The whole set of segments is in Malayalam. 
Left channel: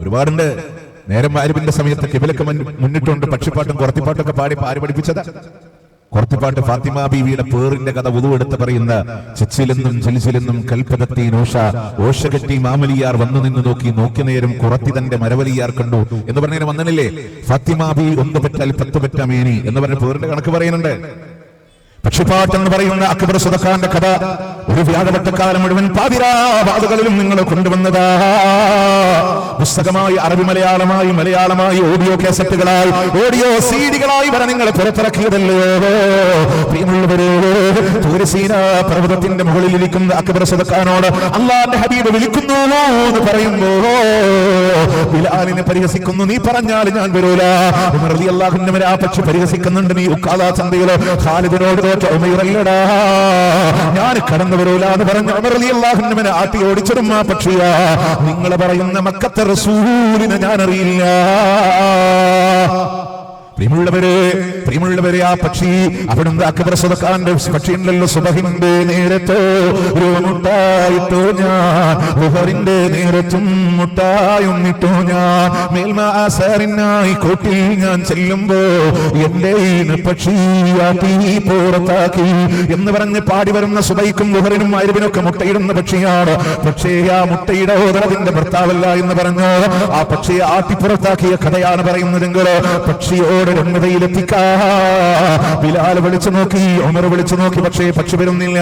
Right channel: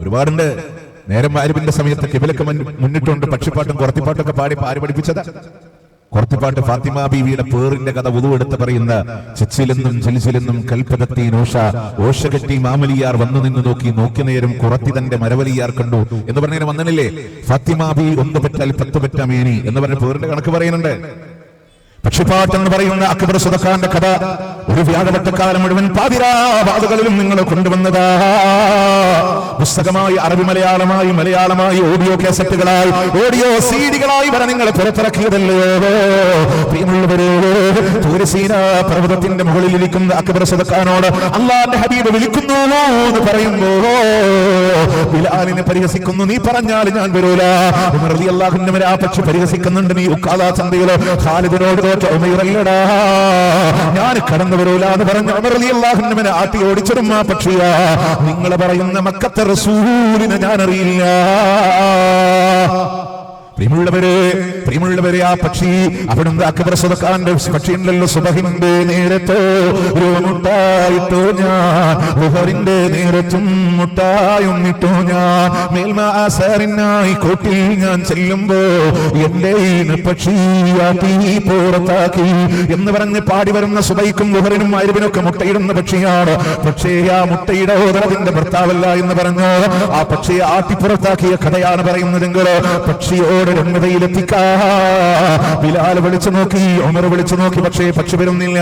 ഒരുപാടുണ്ട്. നേരം മഗ്‌രിബിന്റെ സമയത്ത് കിബിലക്ക് മുന്നിട്ടുണ്ട് പക്ഷിപ്പാട്ടും കുറത്തിപ്പാട്ടൊക്കെ പാടി ആര് പഠിപ്പിച്ചത്? കുറത്തിപ്പാട്ട് ഫാത്തിമ ബീവിയുടെ പേറിന്റെ കഥ ഉതുവെടുത്ത് പറയുന്ന സെക്സിലെന്നും ജൽസിലെന്നും കൽപ്പകത്തി ഓഷകെട്ടി മാമലിയാർ വന്നു നിന്ന് നോക്കി നേരം കുറത്തി തന്റെ മരവലിയാർ കണ്ടു എന്ന് പറഞ്ഞതിന് വന്നനല്ലേ ഫാത്തിമ ബീവി 1 പെറ്റാൽ 10 പെറ്റ മേനി എന്ന് പറഞ്ഞ പേറിന്റെ കണക്ക് പറയുന്നുണ്ട്. പക്ഷിപ്പാട്ട് എന്ന് പറയുന്ന അക്ബർ സുദഖാന്റെ കഥ ഒരു വ്യാഴവട്ടക്കാലം മുഴുവൻ പാതിരാവാതുകളിലും നിങ്ങൾ കൊണ്ടുവന്നതാ. പുസ്തകമായി അറബി മലയാളമായി ഓഡിയോ കേസറ്റുകളായി ഓഡിയോ സീഡികളായി വരെ നിങ്ങൾ പുറത്തിറക്കിയതല്ലോ. പർവ്വതത്തിന്റെ മുകളിലിരിക്കുന്ന അക്ബർ സുദഖാനോട് അല്ലാഹുവിന്റെ ഹബീബ് വിളിക്കുന്നോളൂ പരിവസിക്കുന്നു. നീ പറഞ്ഞാൽ ആ പക്ഷി പരിവസിക്കുന്നുണ്ട്. നീ ഉക്കാല ചന്തയില് ഞാൻ കടന്നു വരൂലെന്ന് പറഞ്ഞ ഉമർ റളിയല്ലാഹുവിനെ ആട്ടി ഓടിച്ചിടും ആ പക്ഷിയാ. നിങ്ങൾ പറയുന്ന മക്കത്തെ റസൂലിനെ ഞാൻ അറിയില്ല. പ്രിയമുള്ളവരെ ആ പക്ഷി അവിടുന്ന് അക്ബർ സുദഖാന്റെ പക്ഷിയുണ്ടല്ലോ. സുബഹിന്റെ നേരത്ത് മുട്ടായിട്ടോ ഞാൻ, ളുഹറിന്റെ നേരത്തും മുട്ടായുന്നിട്ടോ ഞാൻ, മേൽമാസാറിനായി കോട്ടിൽ ഞാൻ ചെല്ലുമ്പോ എന്റെ പക്ഷിയാക്കി പുറത്താക്കി എന്ന് പറഞ്ഞ് പാടി വരുന്ന സുബൈക്കും ളുഹറിനും മഗ്‌രിബിനൊക്കെ മുട്ടയിടുന്ന പക്ഷിയാണ്. പക്ഷേ ആ മുട്ടയുടെ ഓതറതിന്റെ ഭർത്താവല്ല എന്ന് പറഞ്ഞു ആ പക്ഷിയെ ആട്ടി പുറത്താക്കിയ കഥയാണ് പറയുന്നതെങ്കിൽ പക്ഷിയോട് ബിലാൽ വിളിച്ചു നോക്കി, ഉമർ വിളിച്ചു നോക്കി, പക്ഷേ പക്ഷി വരുന്നില്ല.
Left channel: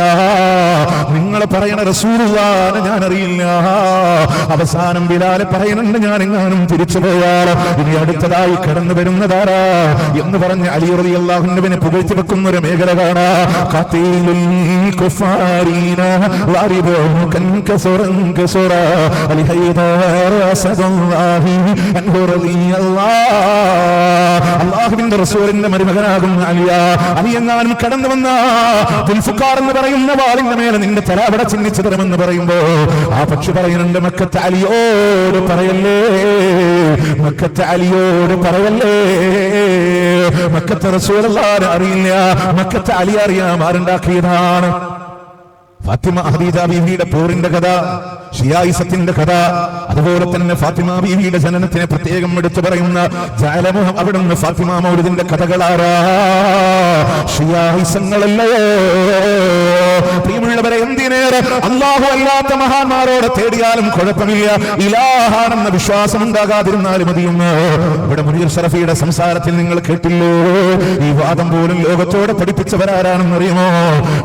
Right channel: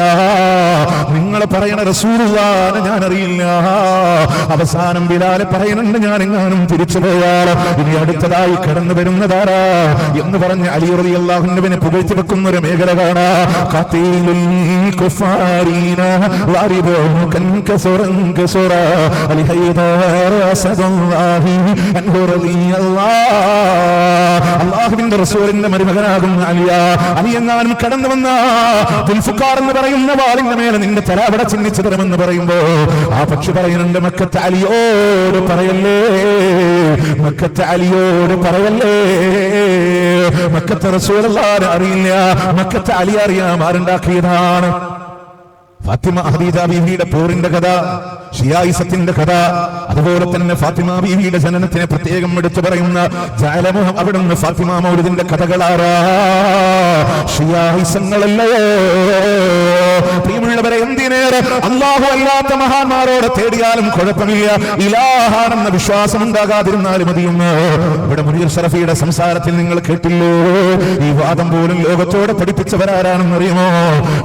നിങ്ങൾ പറയണ റസൂലുള്ളാഹിനെ ഞാൻ അറിയില്ല. അവസാനം ബിലാൽ പറയുന്നുണ്ട് ഞാൻ എങ്ങാനും തിരിച്ചു പോയാലോ ഇനി അടുത്തതായി കടന്നു വരുന്നതാരാ എന്ന് പറഞ്ഞ് അലി റളിയല്ലാഹു അൻഹുവിനെ പുകഴ്ത്തിയെടുക്കുന്ന ഒരു മേഖല കാണാം. അല്ലാഹുവിന്റെ റസൂലിന്റെ മരുമകനാകും അലിയെങ്ങാനും കടന്നു വന്ന ദുൽഫുഖാർ എന്ന് പറയുന്ന വാളിന്റെ മേലെ നിന്റെ തല അവിടെ ചിഹ്നിച്ചു തരമെന്ന് പറയുമ്പോ ആ പക്ഷി പറയുന്നുണ്ട് മക്കത്തെ അലിയോട് പറയല്ലേ, മക്കത്തെ അലിയോട് പറയല്ലേ. മക്കത്തെ റസൂലുള്ളാഹിനെ അറിയില്ല, മക്കത്തെ അലി അറിയാൻ ആരുണ്ടാക്കിയതാണ്. ഫാത്തിമ ഹദീജ ബീവിയുടെ പോറിന്റെ കഥ, ഷിയായിസത്തിന്റെ കഥ, അതുപോലെ തന്നെ ഫാത്തിമ ബീവിയുടെ ജനനത്തിനെ പ്രത്യേകം എടുത്തു പറയുന്ന ജാലമോ അവിടുന്ന് ഫാത്തിമ മൗലിദിന്റെ കഥകളാറാ. ഷിയായിസങ്ങളല്ലേ പ്രിയമുള്ളവരെ, എന്തിനേറെ അല്ലാഹു അല്ലാത്ത മഹാന്മാരോട് തേടിയാലും കുഴപ്പമില്ല, ഇലാഹാണെന്ന വിശ്വാസം ഉണ്ടാകാതിരുന്നാലും മതിയെന്നാണ് ഷറഫിയുടെ സംസാരത്തിൽ നിങ്ങൾ കേട്ടില്ലേ. ഈ വാദം പോലും ഏകത്തോടെ പഠിപ്പിച്ചവരാരാണെന്ന് അറിയണോ?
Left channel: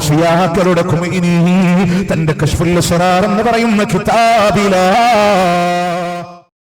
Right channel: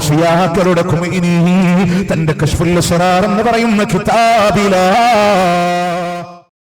ഷിയാക്കളുടെ ഖുമൈനി തന്റെ കശ്ഫുൽ അസ്റാർ എന്ന് പറയുന്ന കിതാബിൽ